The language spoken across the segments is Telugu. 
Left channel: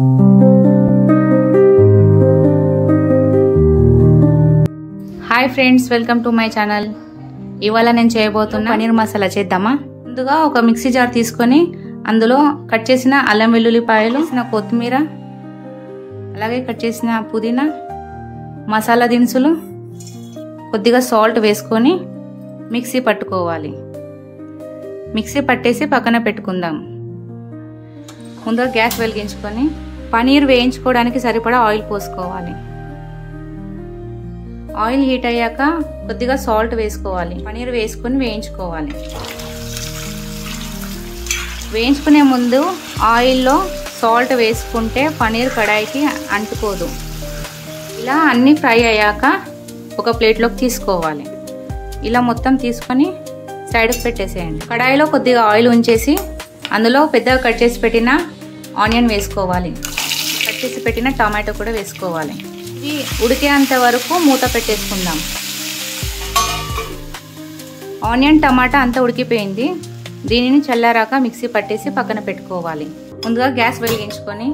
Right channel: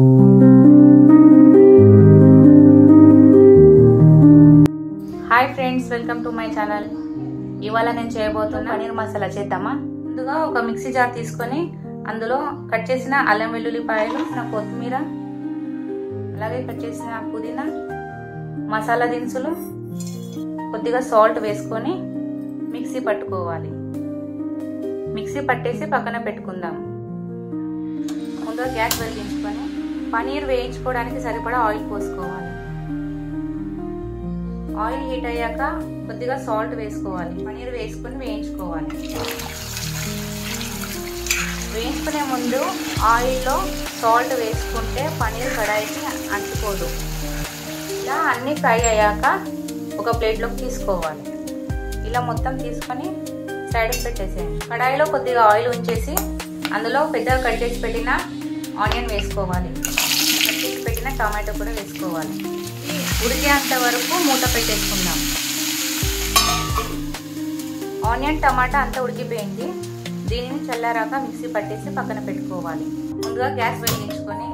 Hi friends, welcome to my channel. ఇవాళ నేను చేయబోతున్న పనీర్ మసాలా చేద్దామా. ముందుగా ఒక మిక్సీ జార్ తీసుకొని అందులో కట్ చేసిన అల్లం వెల్లుల్లిపాయలు, కొత్తిమీర, అలాగే కట్ చేసిన పుదీనా, మసాలా దినుసులు, కొద్దిగా సాల్ట్ వేసుకొని మిక్సీ పట్టుకోవాలి. మిక్సీ పట్టేసి పక్కన పెట్టుకుందాం. ముందుగా గ్యాస్ వెలిగించుకొని పనీర్ వేయించుకోవడానికి సరిపడా ఆయిల్ పోసుకోవాలి. ఆయిల్ హీట్ అయ్యాక కొద్దిగా సాల్ట్ వేసుకోవాలి. పనీర్ వేసుకొని వేయించుకోవాలి. వేయించుకునే ముందు ఆయిల్లో సాల్ట్ వేసుకుంటే పనీర్ కడాయికి అంటుకోదు. ఇలా అన్నీ ఫ్రై అయ్యాక ఒక ప్లేట్లోకి తీసుకోవాలి. ఇలా మొత్తం తీసుకొని సైడ్కి పెట్టేసేయండి. కడాయిలో కొద్దిగా ఆయిల్ ఉంచేసి అందులో పెద్దగా కట్ చేసి పెట్టిన ఆనియన్ వేసుకోవాలి. కట్ చేసి పెట్టిన టమాటో కూడా వేసుకోవాలి. ఇది ఉడికేంత వరకు మూత పెట్టేసుకుందాం. ఆనియన్ టమాటా అంతా ఉడికిపోయింది. దీనిని చల్లారాక మిక్సీ పట్టేసి పక్కన పెట్టుకోవాలి. ముందుగా గ్యాస్ వెలిగించుకొని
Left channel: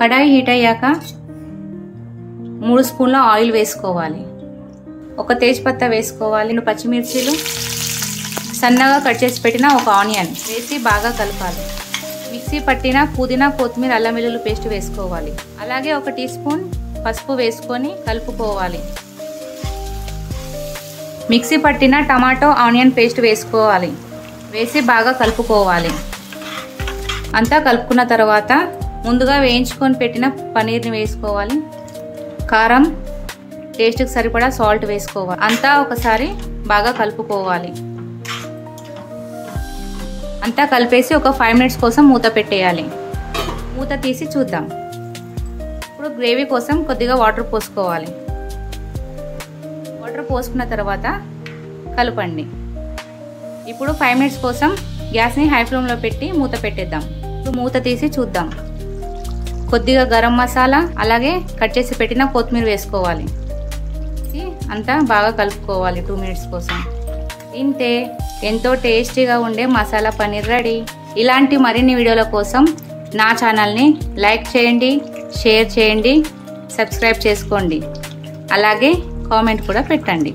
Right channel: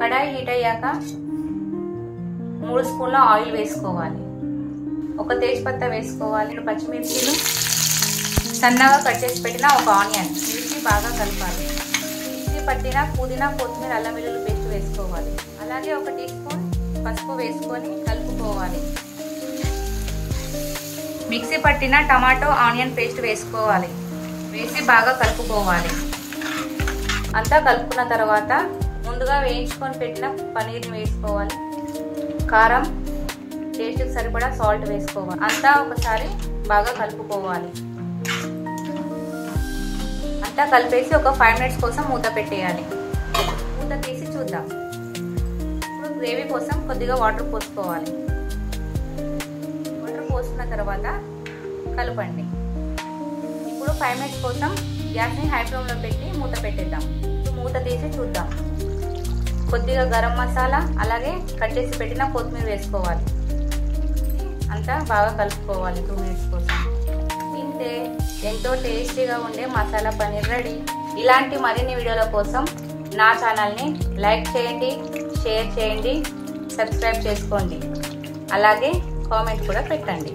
కడాయి హీట్ అయ్యాక 3 స్పూన్ల ఆయిల్ వేసుకోవాలి. ఒక తేజ్పత్తా వేసుకోవాలి. 2 పచ్చిమిర్చీలు, సన్నగా కట్ చేసి పెట్టిన ఒక ఆనియన్ వేసి బాగా కలపాలి. మిక్సీ పట్టిన పుదీనా, కొత్తిమీర, అల్లం వెల్లుల్లి పేస్ట్ వేసుకోవాలి. అలాగే 1 టీ స్పూన్ పసుపు వేసుకొని కలుపుకోవాలి. మిక్సీ పట్టిన టమాటో, ఆనియన్ పేస్ట్ వేసుకోవాలి. వేసి బాగా కలుపుకోవాలి. అంతా కలుపుకున్న తర్వాత ముందుగా వేయించుకొని పెట్టిన పనీర్ని వేసుకోవాలి. కారం, టేస్ట్కి సరిపడా సాల్ట్ వేసుకోవాలి. అంతా ఒకసారి బాగా కలుపుకోవాలి. అంతా కలిపేసి ఒక 5 మినిట్స్ కోసం మూత పెట్టేయాలి. మూత తీసి చూద్దాం. ఇప్పుడు గ్రేవీ కోసం కొద్దిగా వాటర్ పోసుకోవాలి. వాటర్ పోసుకున్న తర్వాత కలపండి. ఇప్పుడు 5 మినిట్స్ కోసం గ్యాస్ని హై ఫ్లేమ్లో పెట్టి మూత పెట్టేద్దాం. ఇప్పుడు మూత తీసి చూద్దాం. కొద్దిగా గరం మసాలా, అలాగే కట్ చేసి పెట్టిన కొత్తిమీర వేసుకోవాలి. అంతా బాగా కలుపుకోవాలి 2 మినిట్స్ కోసం. తింటే ఎంతో టేస్టీగా ఉండే మసాలా పనీర్ రెడీ. ఇలాంటి మరిన్ని వీడియోల కోసం నా ఛానల్ని లైక్ చేయండి, షేర్ చేయండి, సబ్స్క్రైబ్ చేసుకోండి. అలాగే కామెంట్ కూడా పెట్టండి.